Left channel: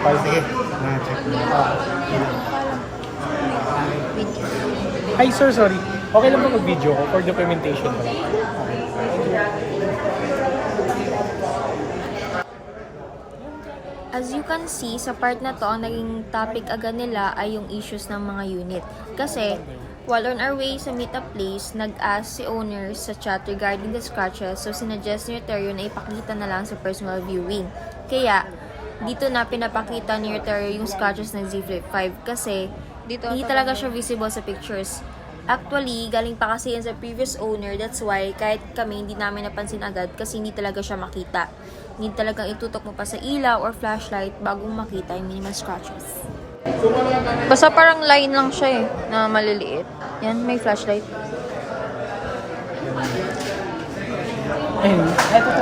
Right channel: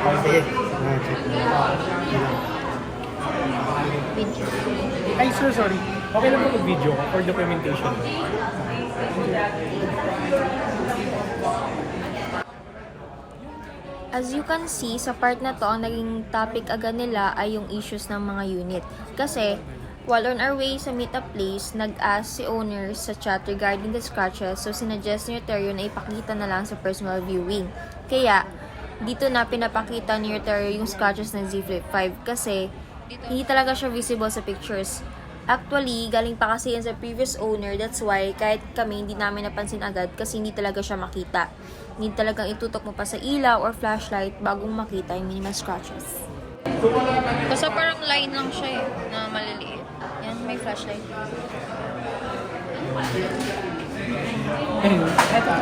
Sige. Check mo. Ay, sir, sorry. Okay lang mo mag-video ko for documentation pala. As you can see, sa part na to, ang naging topic agad nila ay yung issues ng mga unit. Kasi, while on our way sa meet-up place, nag-ask si owner sa chat regarding the scratches, so sinuggest ni Roterio na ipakita na lang sa personal viewing. Kaya, dito na pinapakita ni Roterio yung scratches ng Z Flip 5 kasi hindi talaga siya visible sa pictures. Actually, galing pa kasi yan sa previous owner, that's why kahit kami hindi namin napansin agad kasi hindi talaga siya makita. Hindi talagang itutok mo pa sa ilaw or flashlight bagong makita yung minimal scratches. Basta parang line lang siya na maliliit. Yan, may flashlight. Ayun, eto.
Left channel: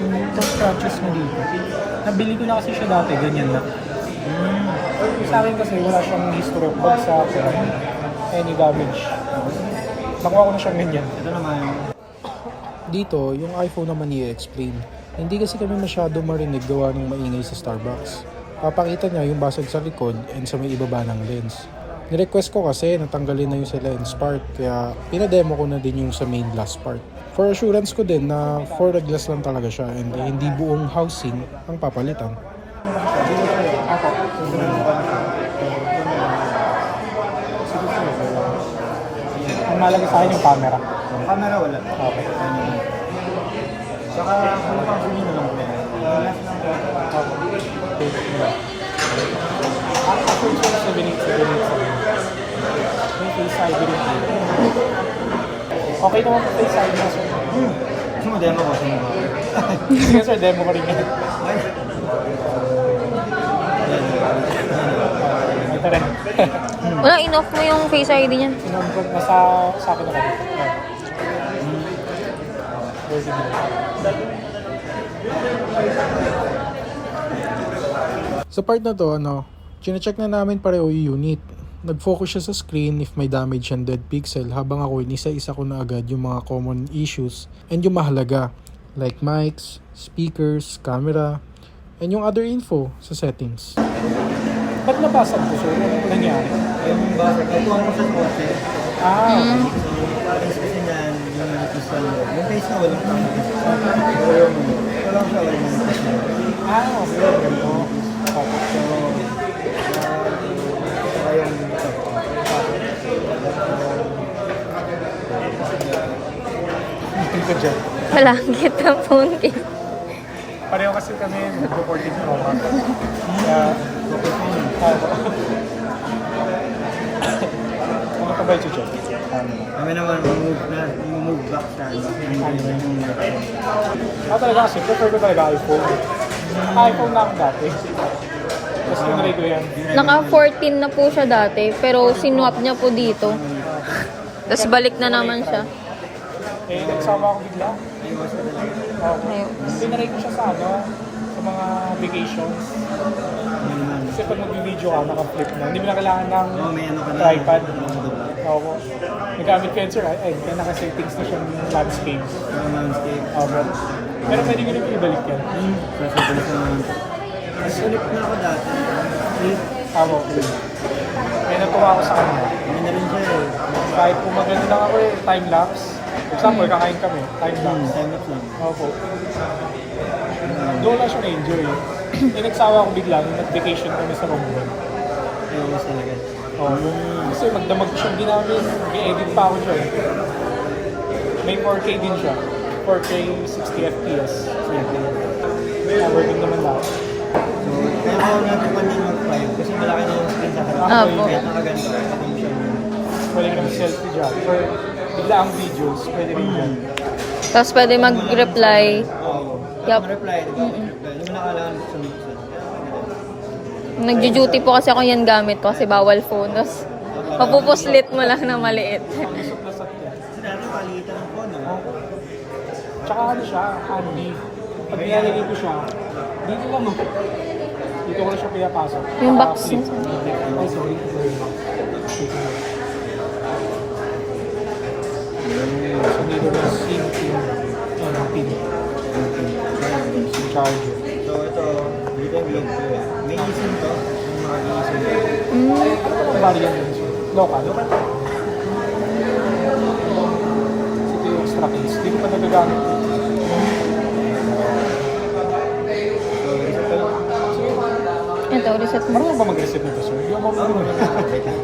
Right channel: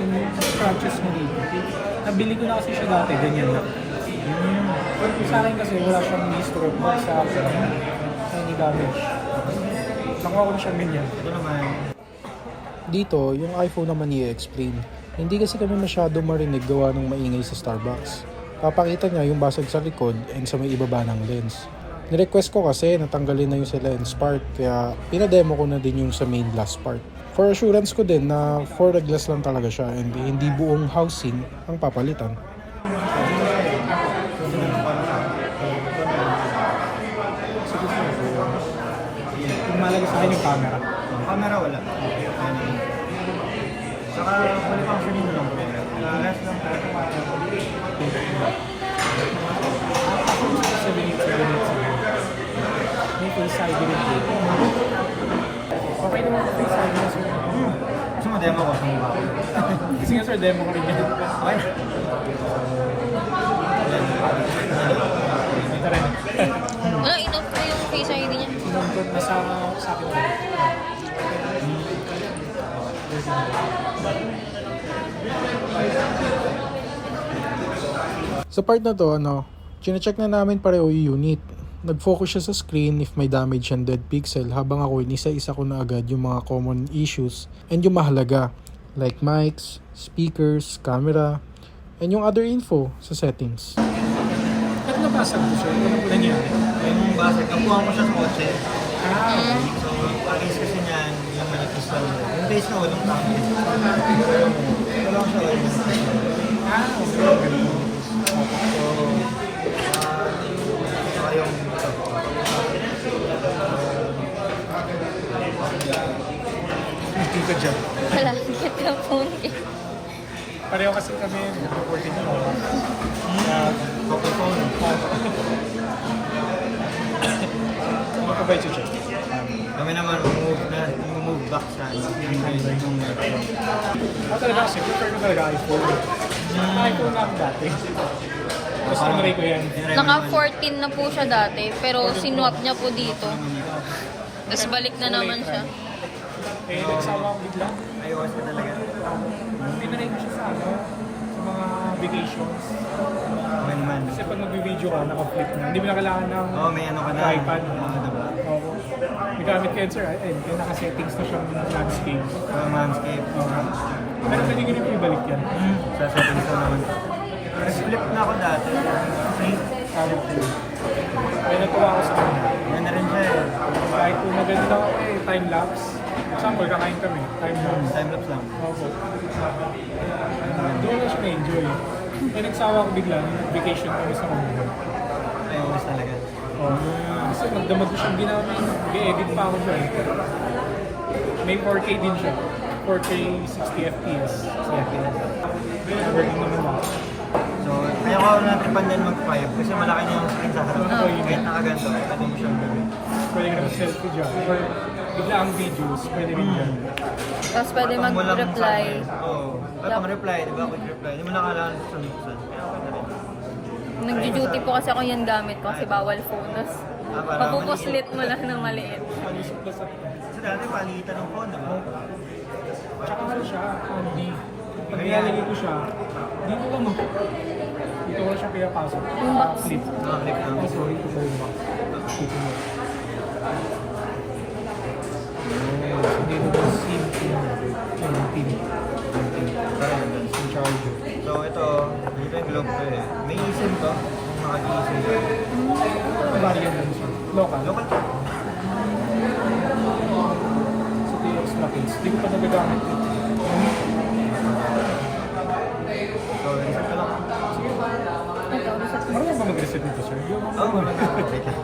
Yung scratches mo dito. Nabili ko na kasi siya dati, ganyan lang. Sa akin kasi wala siyang history of bagsak, any damage. Nakuha ko na siyang ganyan. Ito naman. Dito, yung iPhone naman i-explain. Hindi kasi kami masyado marinig gawa ng maingay sa Starbucks. Papakita niya yung basag sa likod and sa may ibaba ng lens. Nirequest ko kasi natanggalin na yung sa lens part kaya pinademo ko na din yung sa main glass part. For assurance ko din na for the glass lang talaga siya and hindi buong housing ang papalitan. Ang malaga sa akin yung camera. Yung camera wala. Okay. Saka kung pang sabihin na lang. Last lang Sa ganit. May face ID rin dito. Okay naman po face ID na sir. Kasi mo demo ko sa mukha. Sige sir, demo ko rin yan. Okay. Ito rin. Wala, in-off mo yung face ID niya. Sinunod nasa sa akin na kami. Sa part na to, chine-check na namin pareho yung unit. Nag-focus siya sa screen if may damage and dead pixel habang ako inisa-isa ko na agad yung mga common issues and yung mahalaga like mics, speakers, camera, and yung other info sa settings. Ba't nabasag ko sir? Ano nangyari? Yung basag, nakuha mo sa kotse. Okay. So, palis kasi niyan, yung nag-crystal mo. Yung case na walang tanke. Pero walang siya walang crystal. Okay. So, ayun. Hindi ko dyan. Malangit na phone eh. Pareho kasi kami nag-recording ko. Okay phone. Mga kabay siya siya. Kami naman, move back sa yung Talaga kasi, prefer ko talaga iPhone. iPhone na ako dati. Tapos tinry ko yan. Naka 14 na po siya dati, pero sinwap niya po dito. Tapos balik na naman siya. Eh, nagsama ako bigla. iOS ka talaga. Ayun. Tinry ko siya sa sa mga vacations. Ganun. Kasi pag mag-video ka, naka-flip na. Hindi mo na kailangan ng May ano ka na. tripod. Ako. Nagamit ko yun, sir. Ay, naka-settings na siyang landscape. Landscape. Pero pwede mo rin ibalik yan. Sa settings ko lang. Flip na ako dati. Flip. Tama ko. Kaya natuwa ako sa kanya. Yan na rin siya eh. Kahit po magaling na ako time-lapse. Example, kakain kami. Time-lapse. Time-lapse lang. Opo. Doon lang siya na-enjoy. Yung nagsawa ko bigla, nung nag-vacation kami sa Romblon. iOS talaga. Kasi magdamag siya din namin. I-edit pa ako dyan. May 4K din siya. 4K 60 FPS. Working naman lahat. So, kaya ko natipan din mag-5 kasi malaki na yung screen sa harap. Kahit nakaganto, pwede mo siya Pwede ka selfie dyan. Or bigla ang videos, pwede rin dyan. Tapos pwede mag-reply. Yup. Reply, di ba? Reply. Hindi mo na kailangan sa minsan. Kaya okay na rin. Nagjo-duty po kasi ako yan gamit ko kasi bawal phone. Tapos mapupuslit mo lang na maliit. Pag-isip-lasat yan. Kasi dati palitan ng phone, di ba? Tsaka ano siya, handy. Pag nilalagay ko siya, dito lang dito ko siya pinapasok. Yung Saka box. flip. Ay, sorry, ito ba yung box? Dito mo. So, dito yung SIM pin. Yung charger. So ito, dito yung globe ko eh. May SIM variant dun sir? Local? Local. Ito yung extra case. Hindi ko pa nagagamit. So, reset ka lang. Ito, reset mo. Marunong ba mag-reset nito sir? Hindi ako marunong. Wait lang.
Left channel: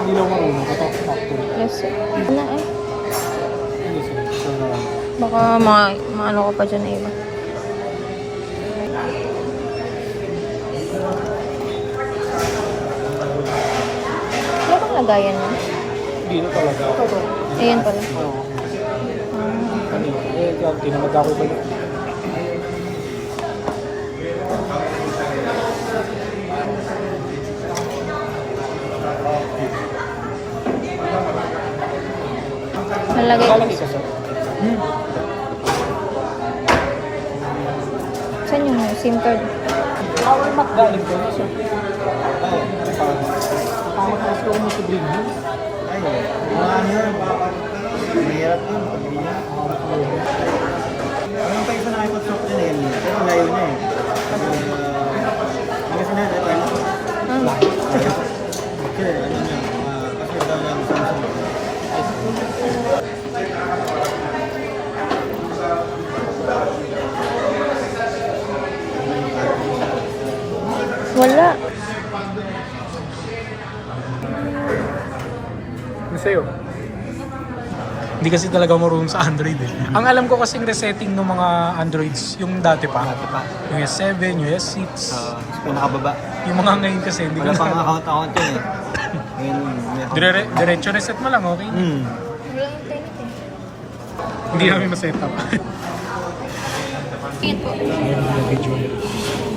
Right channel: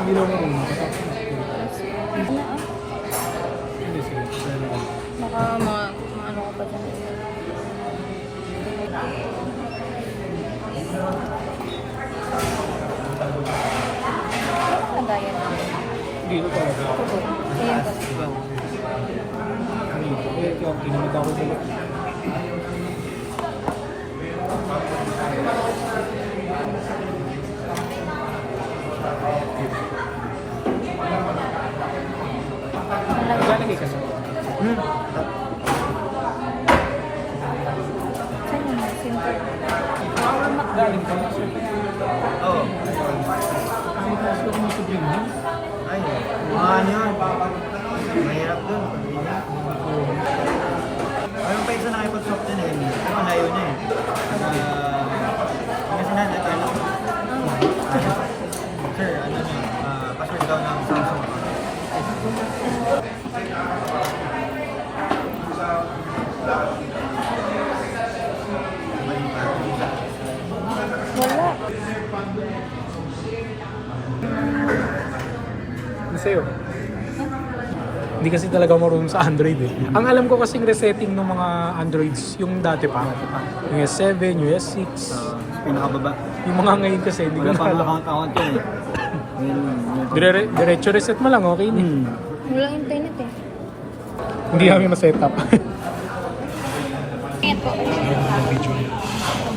Hindi ako marunong. Kapag factory. Reset. Na eh. Hindi sir. Pero, Baka maano ko pa dyan na iba. Ano lagayan mo? hindi na talaga. Ayan pala. Oo. Kanina. Eh, yan, kinamad ako ko. Malagay ko. Lalagay ka sir. Saan yung SIM card? Power Mac galing ko sir. Oo. Tama ka kasi ako mo sa bring mo. Ay, mga ano yun. Mahirap dun. Pag ganyan. Meron pa isa na iPod din eh. Pero ang layo niya eh. Hindi kasi na, ito yun. Layo. Sir, ano yun? Pasir daw ng Samsung. Wala. Ano sa'yo? Hindi kasi talaga marunong sa Android eh. Ang alam ko kasing resetting ng mga Androids, yung dati pa. Yung S7, yung S6. Pinakababa. Yung mga ngayon kasi hindi ko Wala na pang alam. account yun eh. Ngayon, Diretso reset mo lang, okay? Wala internet eh. Hindi namin ma-set up. Ayan po. Meron na video.